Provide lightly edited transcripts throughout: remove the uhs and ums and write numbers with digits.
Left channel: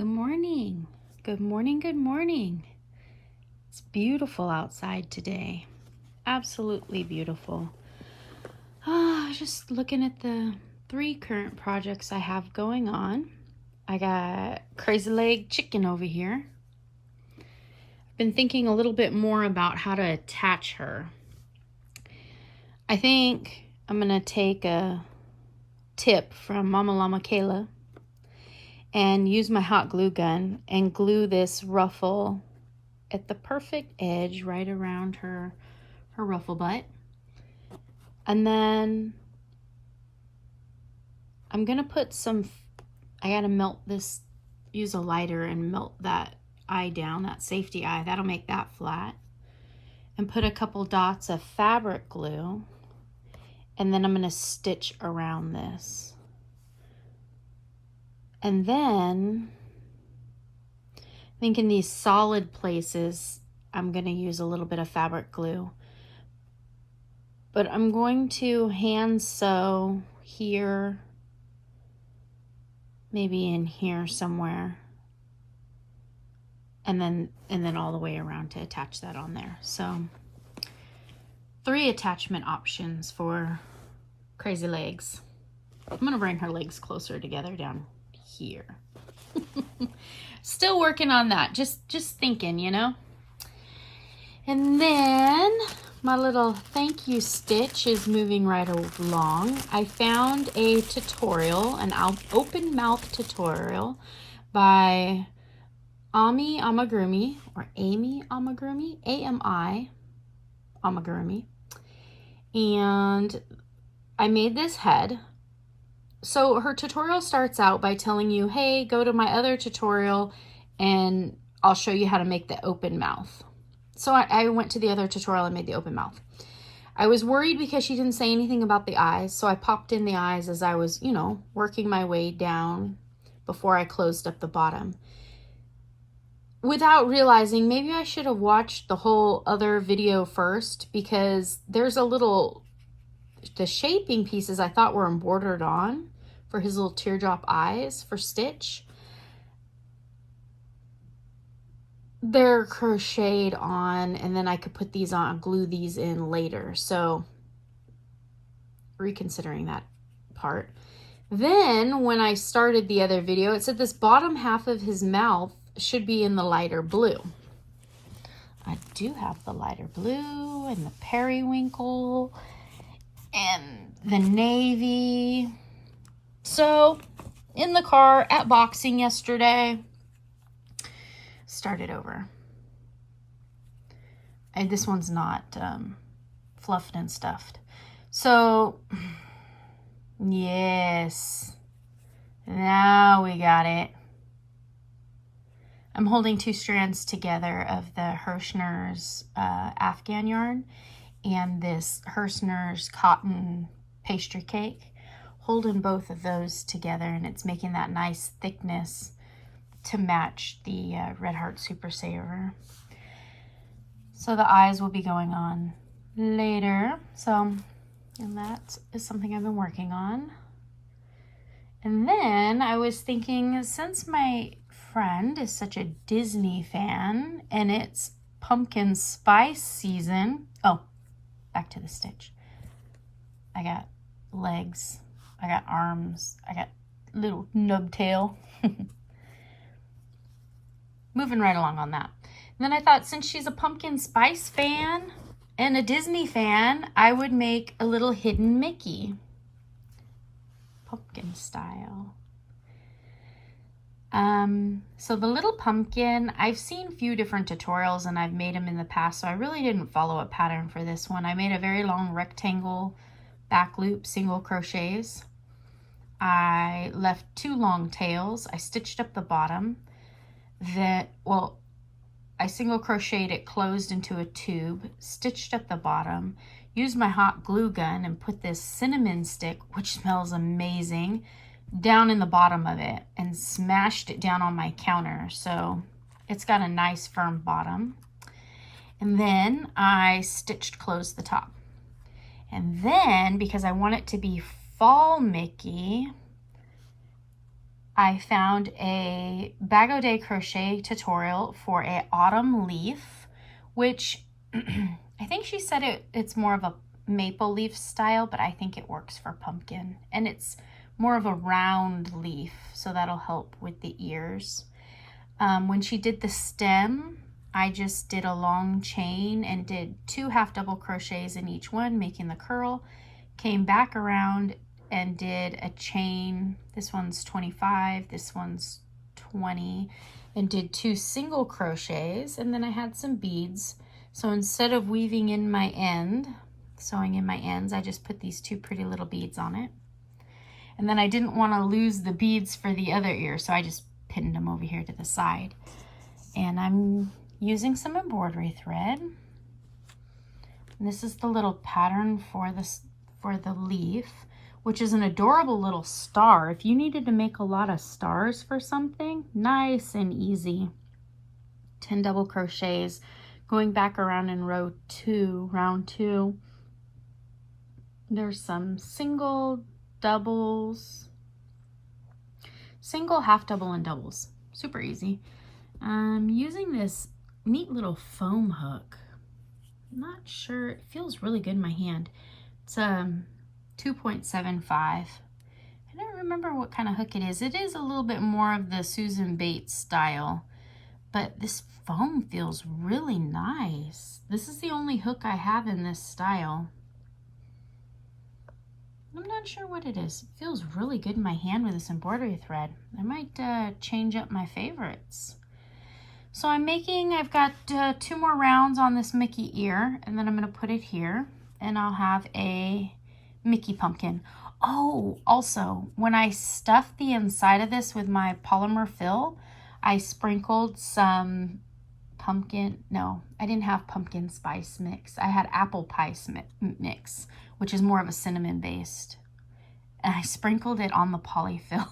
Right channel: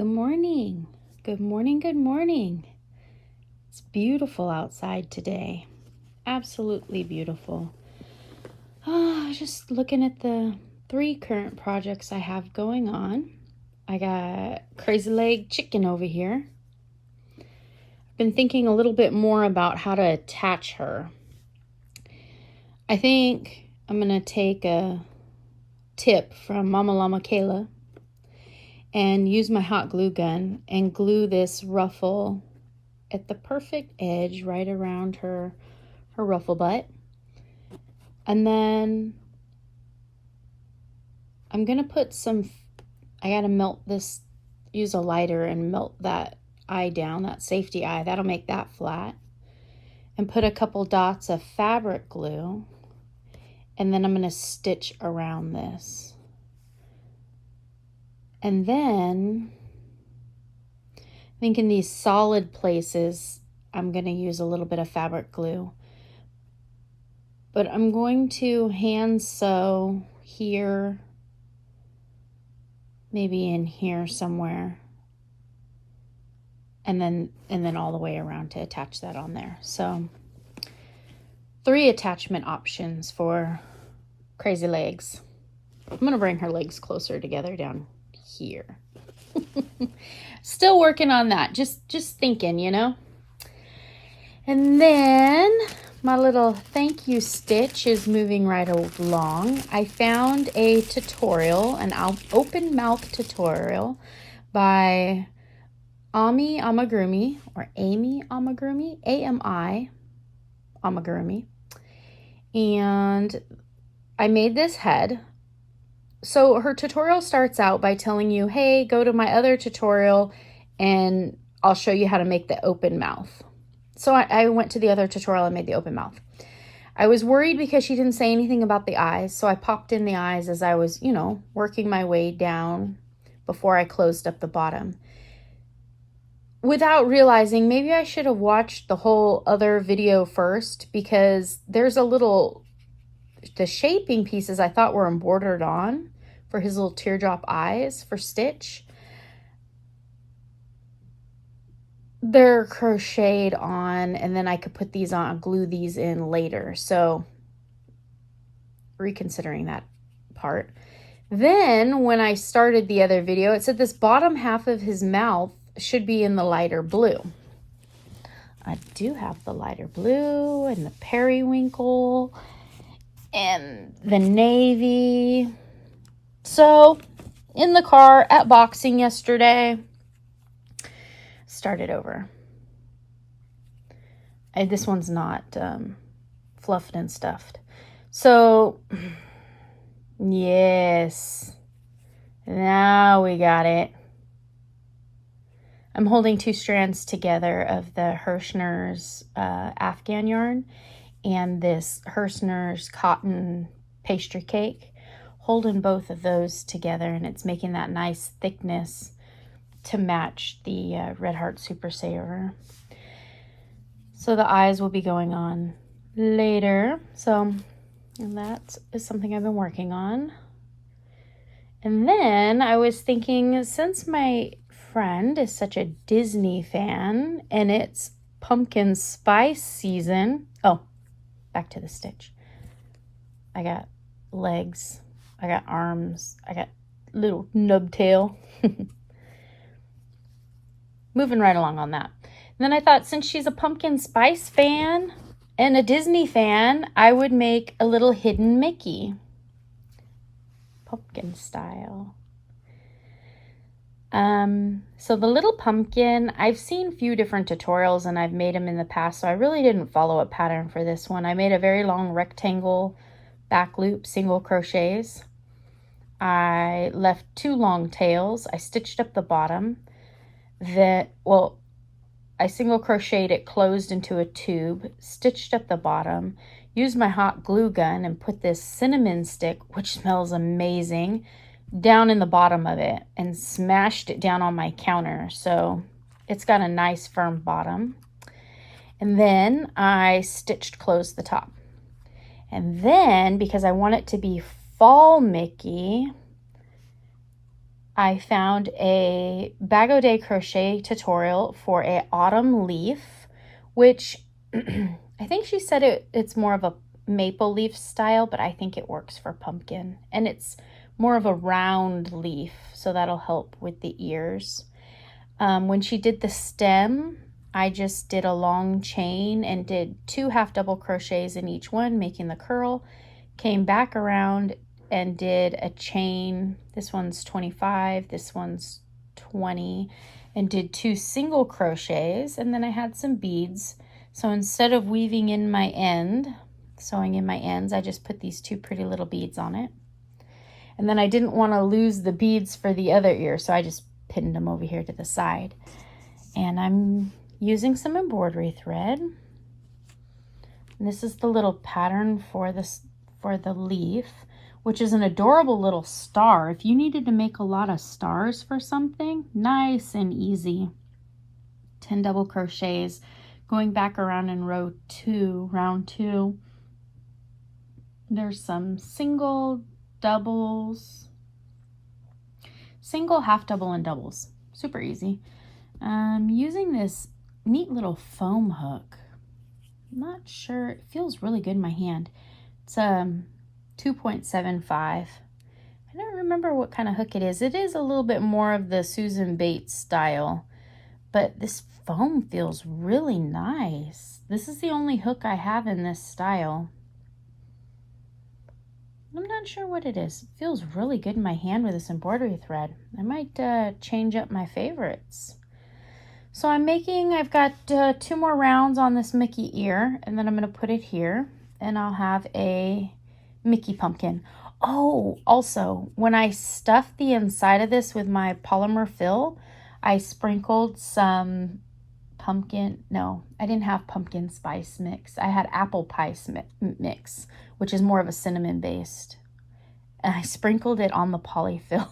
Good morning. Good morning. Good morning. It's beautiful outside today. Absolutely beautiful. Just looking at the 3 current projects I have going on. I got Crazy Leg Chicken over here. I've been thinking a little bit more about how to attach her. I think I'm going to take a tip from Mama Llama Kayla and use my hot glue gun and glue this ruffle at the perfect edge right around her ruffle butt. And then I'm gonna put I gotta melt this, use a lighter and melt that eye down, that safety eye, that'll make that flat. And put a couple dots of fabric glue, and then I'm gonna stitch around this. And then I think in these solid places, I'm going to use a little bit of fabric glue. But I'm going to hand sew here, maybe in here somewhere. And then all the way around to attach that on there. So 3 attachment options for Crazy Legs. I'm going to bring her legs closer together down here. Still working on that, just thinking, you know. And then my little thank you stitch is moving right along. I found a tutorial, an open mouth tutorial by Amy Amigurumi, or Amy Amigurumi, A-M-I Amigurumi. And I made this head. So her tutorial starts out by telling you, hey, go to my other tutorial and I'll show you how to make the open mouth. So I went to the other tutorial and made the open mouth. I was worried because she didn't say anything about the eyes. So I popped in the eyes as I was, working my way down before I closed up the bottom. Without realizing, maybe I should have watched the whole other video first, because there's the shaping pieces I thought were embroidered on for his little teardrop eyes for Stitch. They're crocheted on, and then I could put these on, glue these in later. So reconsidering that part. Then when I started the other video, it said this bottom half of his mouth should be in the lighter blue. I do have the lighter blue and the periwinkle and the navy. So in the car at boxing yesterday, started over. This one's not fluffed and stuffed. So yes, now we got it. I'm holding 2 strands together of the Hirschner's Afghan yarn and this Hirschner's cotton pastry cake, holding both of those together, and it's making that nice thickness to match the Red Heart Super Saver. So the eyes will be going on later. So that is something I've been working on. And then I was thinking, since my friend is such a Disney fan and it's pumpkin spice season. Oh, back to the stitch. I got legs, I got arms, I got little nub tail. Moving right along on that. And then I thought, since she's a pumpkin spice fan and a Disney fan, I would make a little hidden Mickey. Pumpkin style. So the little pumpkin, I've seen a few different tutorials and I've made them in the past, so I really didn't follow a pattern for this one. I made a very long rectangle back loop, single crochets. I left 2 long tails. I stitched up the bottom. I single crocheted it closed into a tube, stitched up the bottom, used my hot glue gun and put this cinnamon stick, which smells amazing, down in the bottom of it and smashed it down on my counter. So it's got a nice firm bottom. And then I stitched closed the top. And then, because I want it to be fall Mickey, I found a Bag O' Day crochet tutorial for a autumn leaf, which I think she said it's more of a maple leaf style, but I think it works for pumpkin. And it's more of a round leaf, so that'll help with the ears. When she did the stem, I just did a long chain and did 2 half double crochets in each one, making the curl, came back around and did a chain. This one's 25, this one's 20, and did 2 single crochets, and then I had some beads. So instead of weaving in my end, sewing in my ends, I just put these 2 pretty little beads on it. And then I didn't want to lose the beads for the other ear, so I just pinned them over here to the side. And I'm using some embroidery thread. And this is the little pattern for the leaf, which is an adorable little star. If you needed to make a lot of stars for something, nice and easy. 10 double crochets, going back around in round 2. There's some single, doubles, single, half double, and doubles. Super easy. I'm using this neat little foam hook. I'm not sure, it feels really good in my hand. It's 2.75. I don't remember what kind of hook it is. It is a little bit more of the Susan Bates style, but this foam feels really nice. This is the only hook I have in this style. I'm not sure what it is. It feels really good in my hand with this embroidery thread. I might change up my favorites. So I've got 2 more rounds on this Mickey ear, and then I'm going to put it here, and I'll have a Mickey pumpkin. Oh, also, when I stuffed the inside of this with my polymer fill, I sprinkled some I didn't have pumpkin spice mix. I had apple pie mix, which is more of a cinnamon based. And I sprinkled it on the polyfill.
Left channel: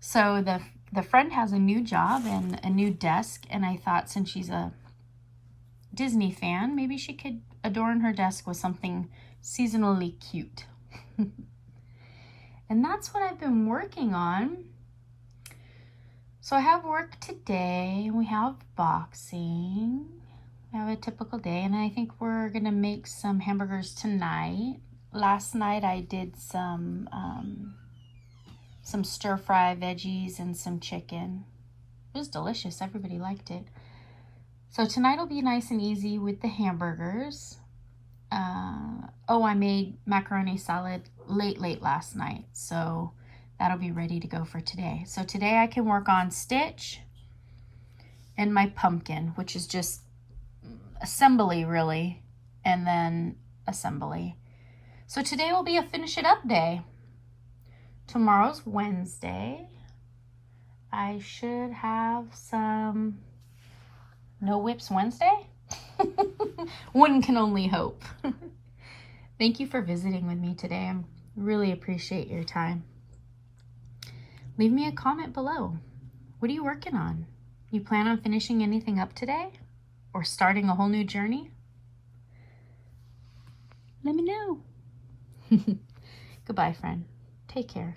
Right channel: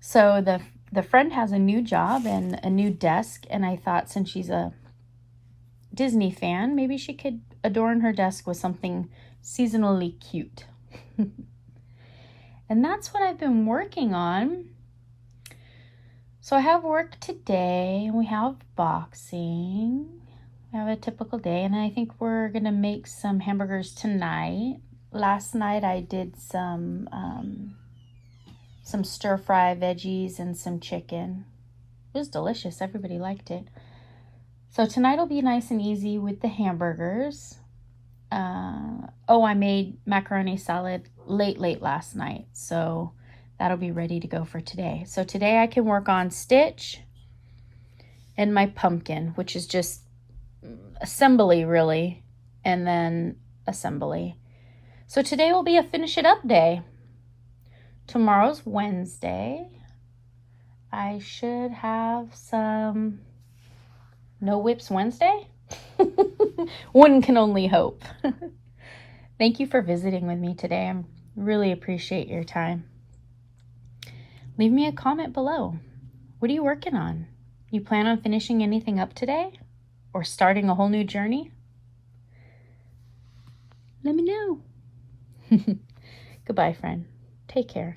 So the friend has a new job and a new desk, and I thought since she's a Disney fan, maybe she could adorn her desk with something seasonally cute. And that's what I've been working on. So I have work today, and we have boxing. I have a typical day, and I think we're gonna make some hamburgers tonight. Last night I did some stir-fry veggies and some chicken. It was delicious. Everybody liked it. So tonight will be nice and easy with the hamburgers. I made macaroni salad late last night, so that'll be ready to go for today. So today I can work on Stitch and my pumpkin, which is just assembly really, and then assembly. So today will be a finish it up day. Tomorrow's Wednesday. I should have some No Whips Wednesday. One can only hope. Thank you for visiting with me today. I really appreciate your time. Leave me a comment below. What are you working on? You plan on finishing anything up today? Or starting a whole new journey? Let me know. Goodbye, friend. Take care.